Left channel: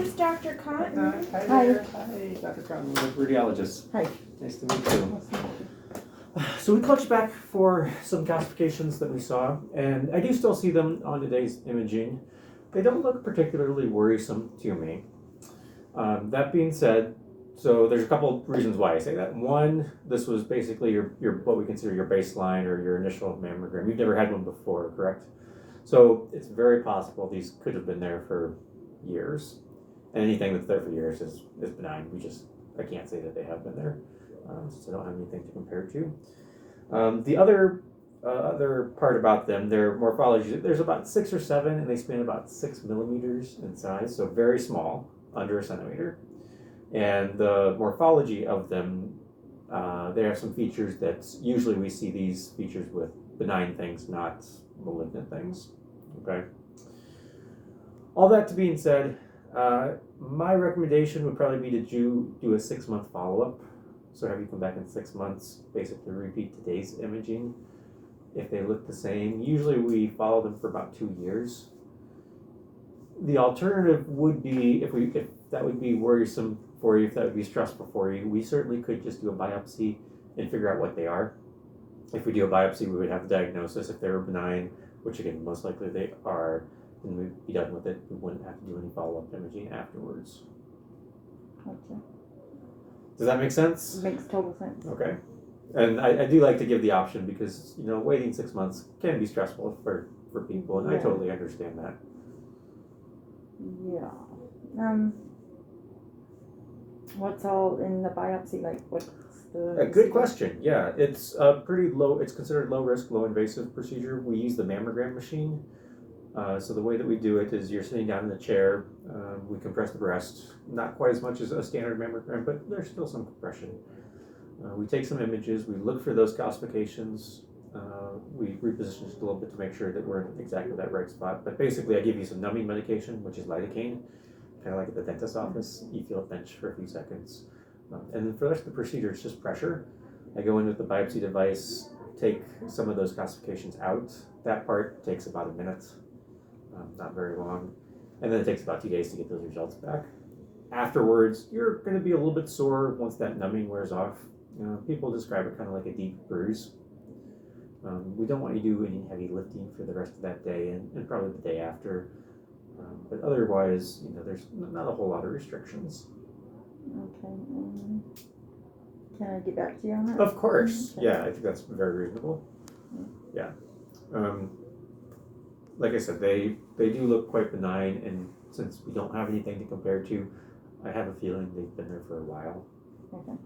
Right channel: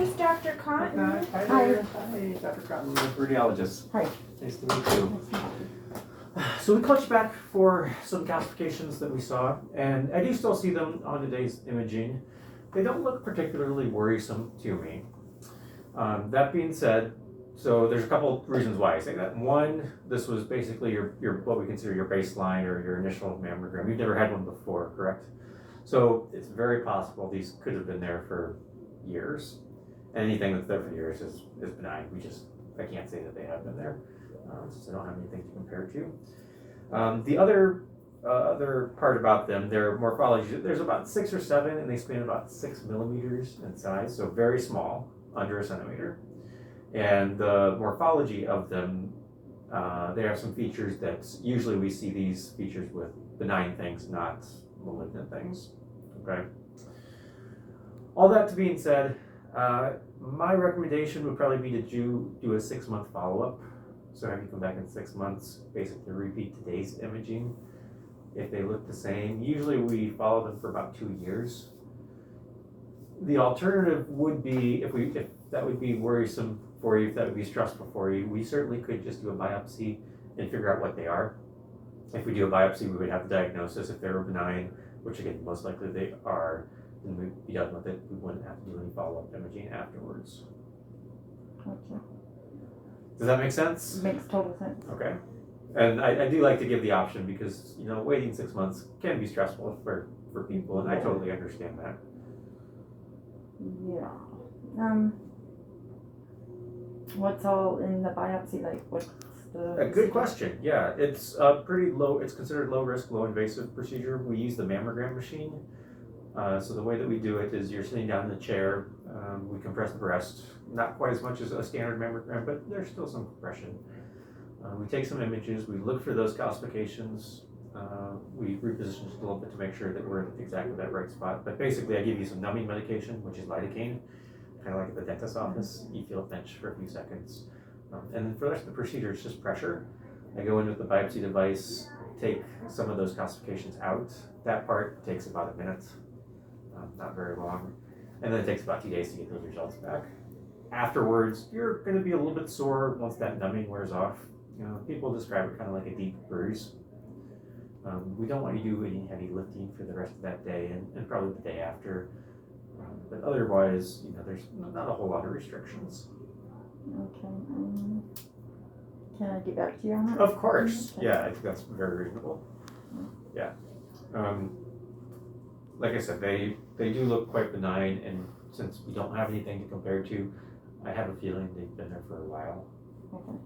is Dr. Cotton. Hi. Hi, Dr. Cotton, the radiologist. Hi. Nice to meet you. So we called you back for some calcifications that we saw, and I do still see them on today's imaging. They don't look particularly worrisome to me. That being said, so there's a couple reasons why I say that. One, this was basically your what we consider your baseline or your initial mammogram. You've never had one before, correct? So it's very possible these could have been there for years, and anything that's there for years is benign. I can't say that they have been there, since I don't have anything to compare to. The other part about them, their morphology, there's about 6 or 7, and they span about 6 millimeters in size, so very small, under a centimeter. And the morphology of them, they have some features that usually we see these features with benign things, not malignant things. Okay. All that being said, my recommendation would probably be to do a 6-month follow-up. So have you come back in 6 months, basically repeat today's imaging. If they look the same, usually we follow them for about 2 years. The alternative would be, if that would be worrisome for you, if that would be stressful for you, we certainly could just do a biopsy and figure out what they are. If we do a biopsy, we would have the diagnosis. If they were benign, which again, most likely they are, then we'd be done with it. We wouldn't have to do any follow-up imaging afterwards. Gotcha. Does that make sense? Makes total sense. Okay. And I do like to give the option because, waiting 6 months can be stressful for people, and I totally understand that. Yeah. What's all in the biopsy? Like, what's the... A good question. Yeah, it's pretty low. It's considered low risk, low invasive procedure. We use the mammogram machine. So the way that we do it is you're sitting down in the chair. We compress the breast, not quite as much as a standard mammogram, but there's still some compression. We take some images. We look for those calcifications. We reposition just a little bit to make sure that we're in exactly that right spot. But basically, I give you some numbing medication, which is lidocaine, kind of like at the dentist's office. You feel a pinch for a few seconds. And then for the rest of the procedure, it's just pressure. I go in with the biopsy device, take some of those calcifications out. That part takes about a minute, not very long. And then it takes about 2 days to get those results back. Afterwards, you're going to be a little bit sore once that numbing wears off. People describe it kind of like a deep bruise. We don't want you to do any heavy lifting for the rest of that day and probably the day after. But otherwise, there's not a whole lot of restrictions. Okay. Can I get back to you on that? Of course. Okay. Yeah, I think that's very reasonable. Yeah. Like I said, they do look quite benign, and since we don't have anything to compare to, I have a feeling they've been there for a while. Okay.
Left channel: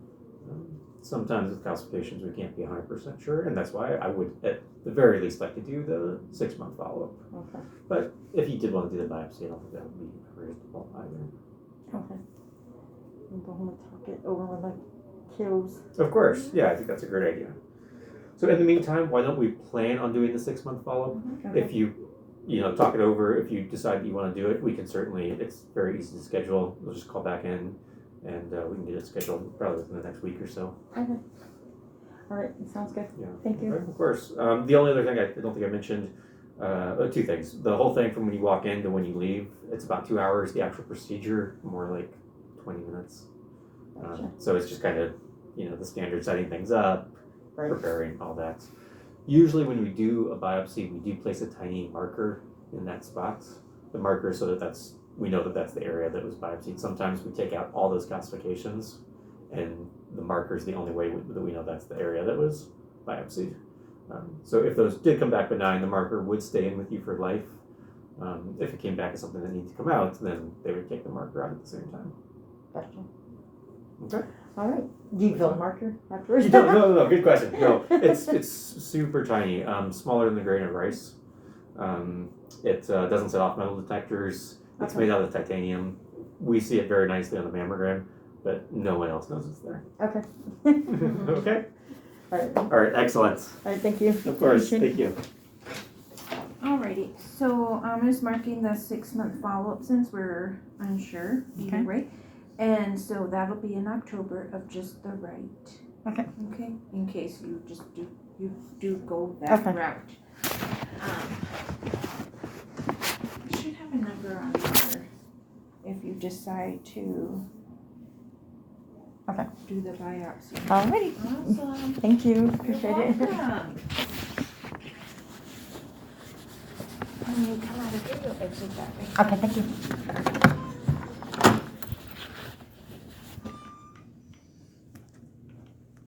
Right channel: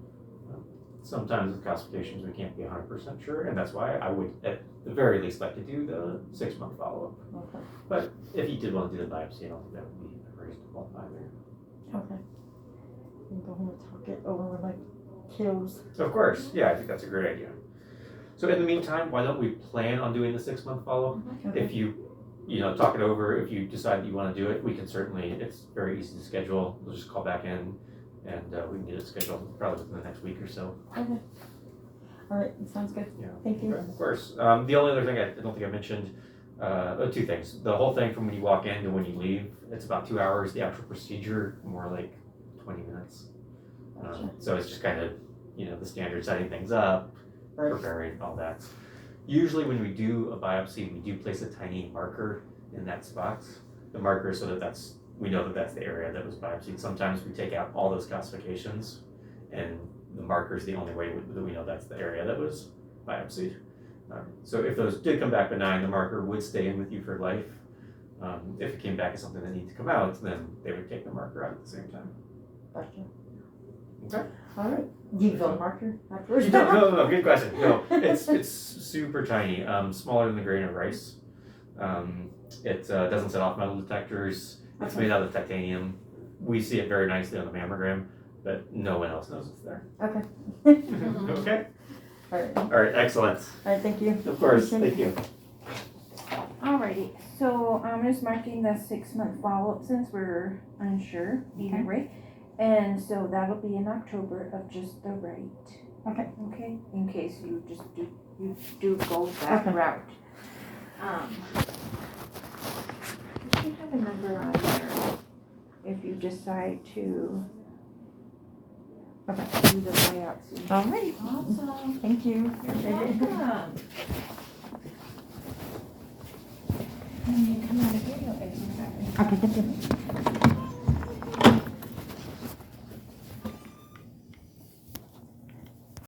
Sometimes with calcifications we can't be 100% sure, and that's why I would at the very least like to do the 6-month follow-up. Okay. But if you did want to do the biopsy, I don't think that would be reasonable either. Okay. I'll go home and talk it over with my kiddos. Of course, yeah, I think that's a great idea. So in the meantime, why don't we plan on doing the 6-month follow-up? Okay. If you talk it over, if you decide that you want to do it, we can certainly, it's very easy to schedule. We'll just call back in and we can get it scheduled probably within the next week or so. Okay. All right. Sounds good. Yeah. Thank you. Okay, of course. The only other thing I don't think I mentioned, 2 things. The whole thing from when you walk in to when you leave, it's about 2 hours. The actual procedure, more like 20 minutes. Gotcha. So it's just kind of, the standard setting things up, Right. preparing, all that. Usually when we do a biopsy, we do place a tiny marker in that spot. The marker so that we know that that's the area that was biopsied. Sometimes we take out all those calcifications, and the marker is the only way that we know that's the area that was biopsied. So if those did come back benign, the marker would stay in with you for life. If it came back as something that needed to come out, then they would take the marker out at the same time. Gotcha. Okay. All right. Do you feel the marker afterwards? You don't, no, good question. No, it's super tiny, smaller than the grain of rice. It doesn't set off metal detectors. It's made out of titanium. We see it very nicely on the mammogram, but no one else knows it's there. Okay. Okay. All right. All right. Excellent. All right. Thank you. Of course. Thank you. Alrighty, so I'm just marking the 6-month follow-up since we're unsure either Okay. way. And so that'll be in October of just the right. Okay. Okay, in case you do go that Okay. route. You should have a number on there. if you decide to Okay. do the biopsy. Alrighty, Awesome. thank you. You're Appreciate it. welcome. And you come out and get your exit copy. Okay, thank you.